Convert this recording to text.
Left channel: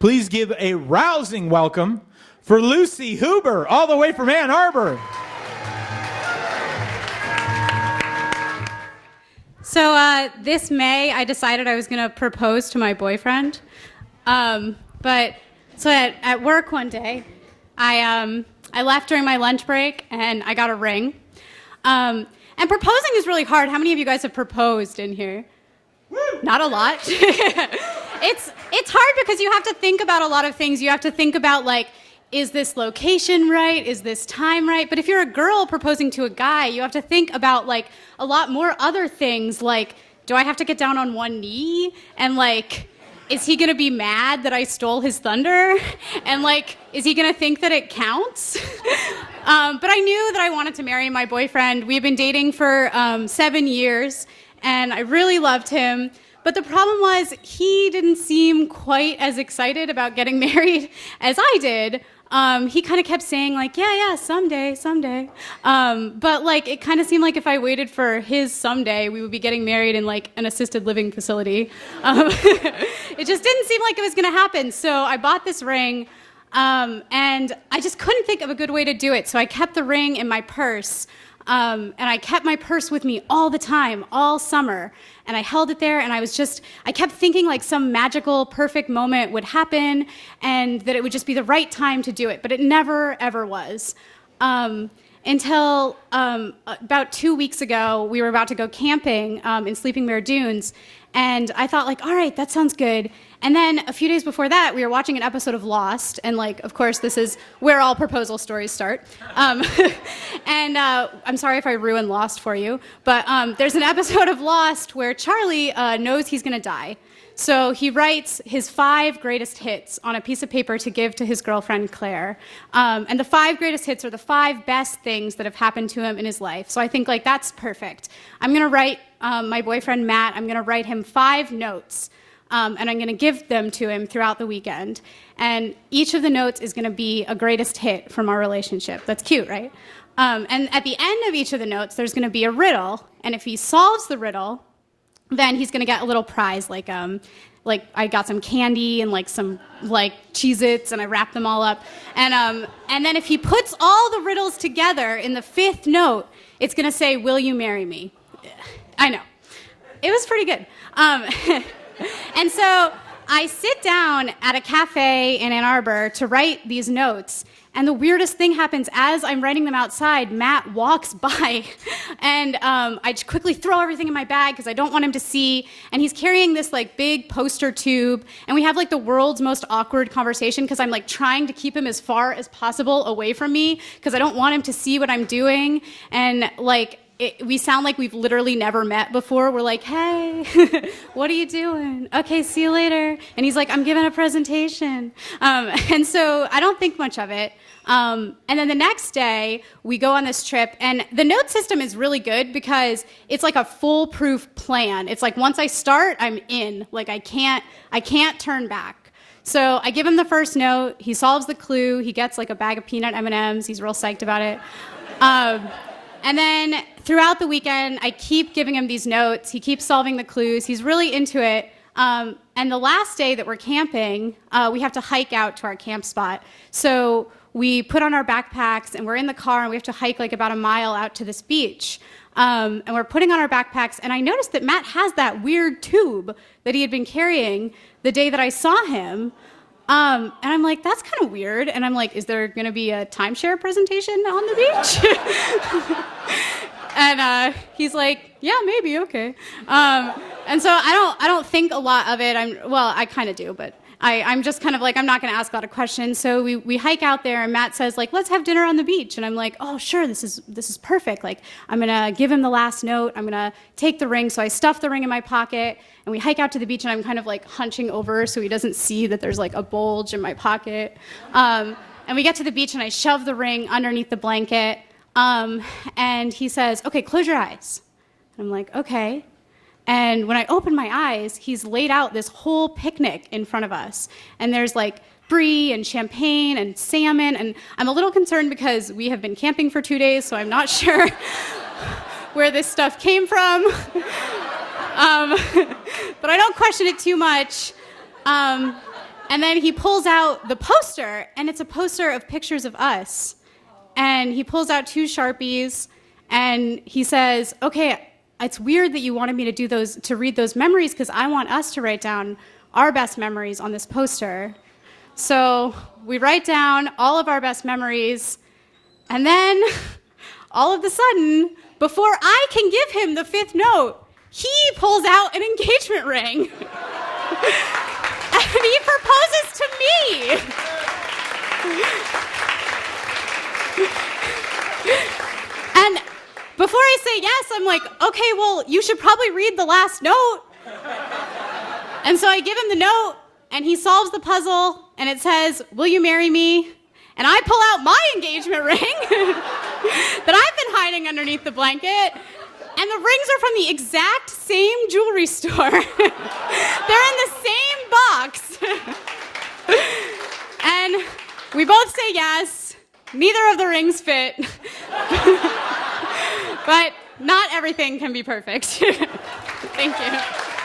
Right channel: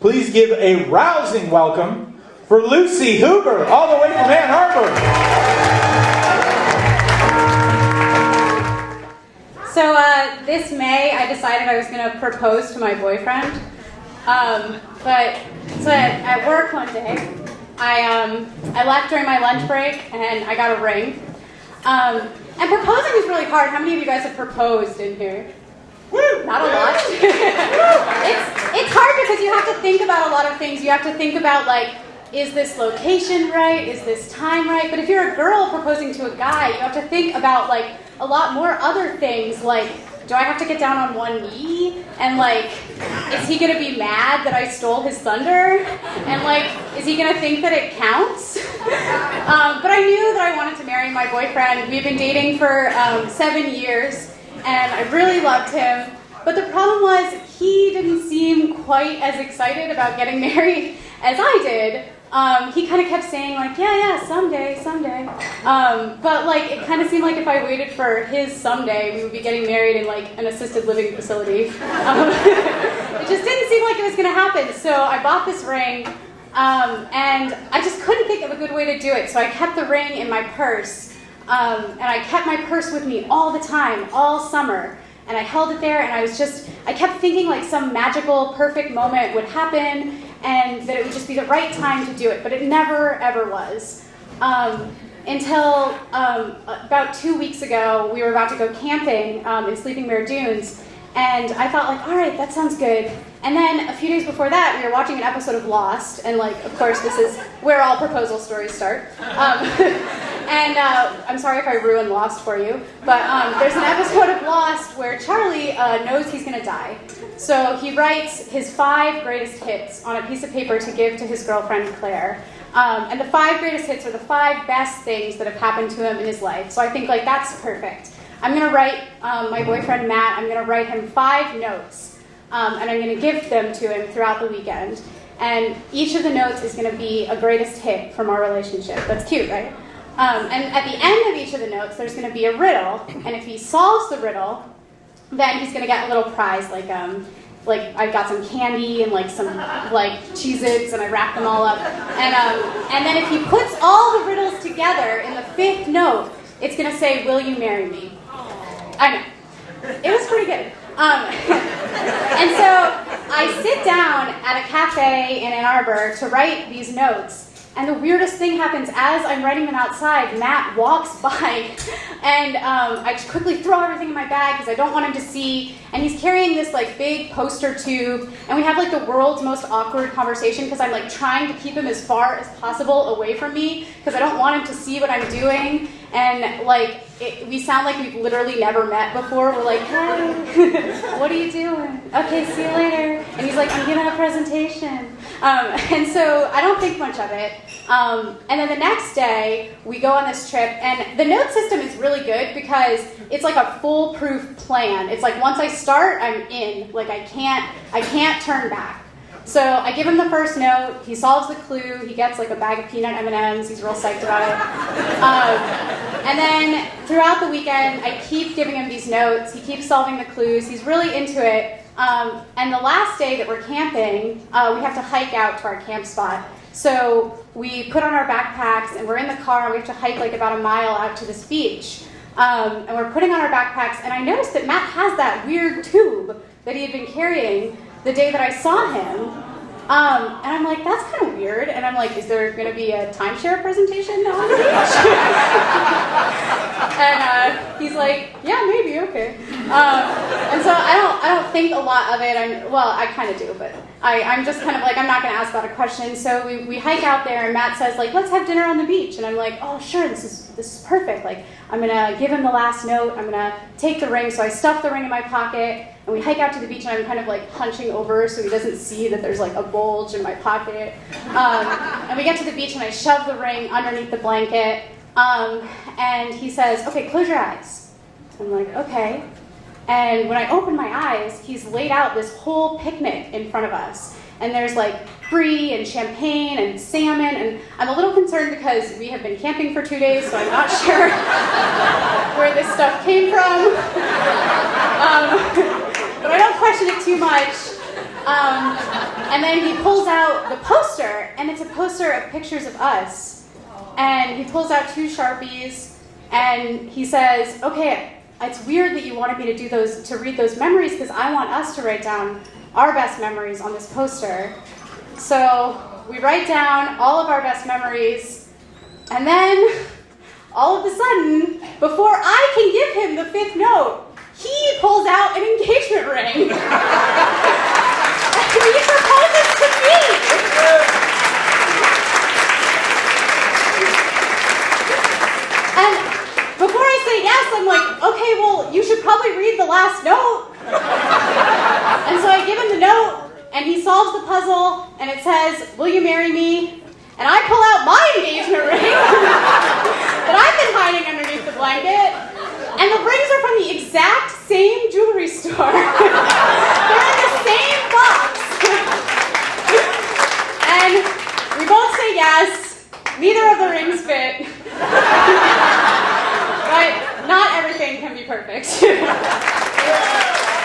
Please give a rousing welcome for Lucy Huber, all the way from Ann Arbor. So this May, I decided I was going to propose to my boyfriend. At work one day, I left during my lunch break and I got a ring. And proposing is really hard. How many of you guys have proposed in here? Not a lot. It's hard because you have to think about a lot of things. You have to think about, like, is this location right? Is this time right? But if you're a girl proposing to a guy, you have to think about, like, a lot more other things, like, do I have to get down on one knee? And, like, is he gonna be mad that I stole his thunder? And, like, is he gonna think that it counts? But I knew that I wanted to marry my boyfriend. We've been dating for 7 years. And I really loved him, but the problem was he didn't seem quite as excited about getting married as I did. He kind of kept saying, like, yeah, someday. But, like, it kind of seemed like if I waited for his someday, we would be getting married in, like, an assisted living facility. It just didn't seem like it was going to happen, so I bought this ring, and I just couldn't think of a good way to do it, so I kept the ring in my purse. And I kept my purse with me all the time, all summer. And I held it there, and I kept thinking like some magical, perfect moment would happen, and that it would just be the right time to do it. But it never, ever was. Until about 2 weeks ago, we were about to go camping in Sleeping Bear Dunes. And I thought, like, all right, that sounds good. And then a few days before that, we were watching an episode of Lost. And, like, of course, this is where all proposal stories start. And I'm sorry if I ruined Lost for you, but there's an episode of Lost where Charlie knows he's going to die. So he writes his 5 greatest hits on a piece of paper to give to his girlfriend, Claire. And the 5 greatest hits are the 5 best things that have happened to him in his life. So I think, like, that's perfect. I'm going to write my boyfriend, Matt, I'm going to write him 5 notes, and I'm going to give them to him throughout the weekend. And each of the notes is going to be a greatest hit from our relationship. That's cute, right? And at the end of each of the notes, there's going to be a riddle, and if he solves the riddle, then he's going to get a little prize, like I got some candy and like some like Cheez-Its, and I wrapped them all up. And then if he puts all the riddles together in the 5th note, it's going to say, "Will you marry me?" I know. It was pretty good. And so I sit down at a cafe in Ann Arbor to write these notes. And the weirdest thing happens as I'm writing them outside. Matt walks by, and I quickly throw everything in my bag because I don't want him to see. And he's carrying this like big poster tube, and we have like the world's most awkward conversation because I'm like trying to keep him as far as possible away from me because I don't want him to see what I'm doing. And like we sound like we've literally never met before. We're like, "Hey, what are you doing? Okay, see you later." And he's like, "I'm giving a presentation." And so I don't think much of it. And then the next day, we go on this trip, and the note system is really good because it's like a foolproof plan. It's like once I start, I'm in. Like I can't turn back. So I give him the first note, he solves the clue, he gets like a bag of peanut M&Ms, he's real psyched about it. And then throughout the weekend, I keep giving him these notes, he keeps solving the clues, he's really into it. And the last day that we're camping, we have to hike out to our camp spot. So we put on our backpacks and we're in the car and we have to hike like about a mile out to this beach. And we're putting on our backpacks, and I noticed that Matt has that weird tube that he had been carrying the day that I saw him. And I'm like, that's kind of weird. And I'm like, is there going to be a timeshare presentation on the beach? And he's like, yeah, maybe, okay. And so I don't think a lot of it. I kind of do, but I'm just kind of like, I'm not going to ask a lot of questions. So we hike out there, and Matt says, like, let's have dinner on the beach. And I'm like, oh, sure, this is perfect. Like, I'm going to give him the last note. I'm going to take the ring. So I stuff the ring in my pocket. And we hike out to the beach, and I'm kind of like hunching over so he doesn't see that there's like a bulge in my pocket. And we get to the beach, and I shove the ring underneath the blanket. And he says, okay, close your eyes. I'm like, okay. And when I open my eyes, he's laid out this whole picnic in front of us. And there's like brie and champagne and salmon. And I'm a little concerned because we have been camping for 2 days, so I'm not sure where this stuff came from. But I don't question it too much. then he pulls out the poster, and it's a poster of pictures of us. And he pulls out 2 Sharpies, and he says, okay, it's weird that you wanted me to read those memories, because I want us to write down our best memories on this poster. So we write down all of our best memories, and then all of a sudden, before I can give him the 5th note, he pulls out an engagement ring. And he proposes to me. And before I say yes, I'm like, okay, well, you should probably read the last note. And so I give him the note, and he solves the puzzle, and it says, will you marry me? And I pull out my engagement ring that I've been hiding underneath the blanket. And the rings are from the exact same jewelry store. They're in the same box. And we both say yes. Neither of the rings fit. But not everything can be perfect. Thank you.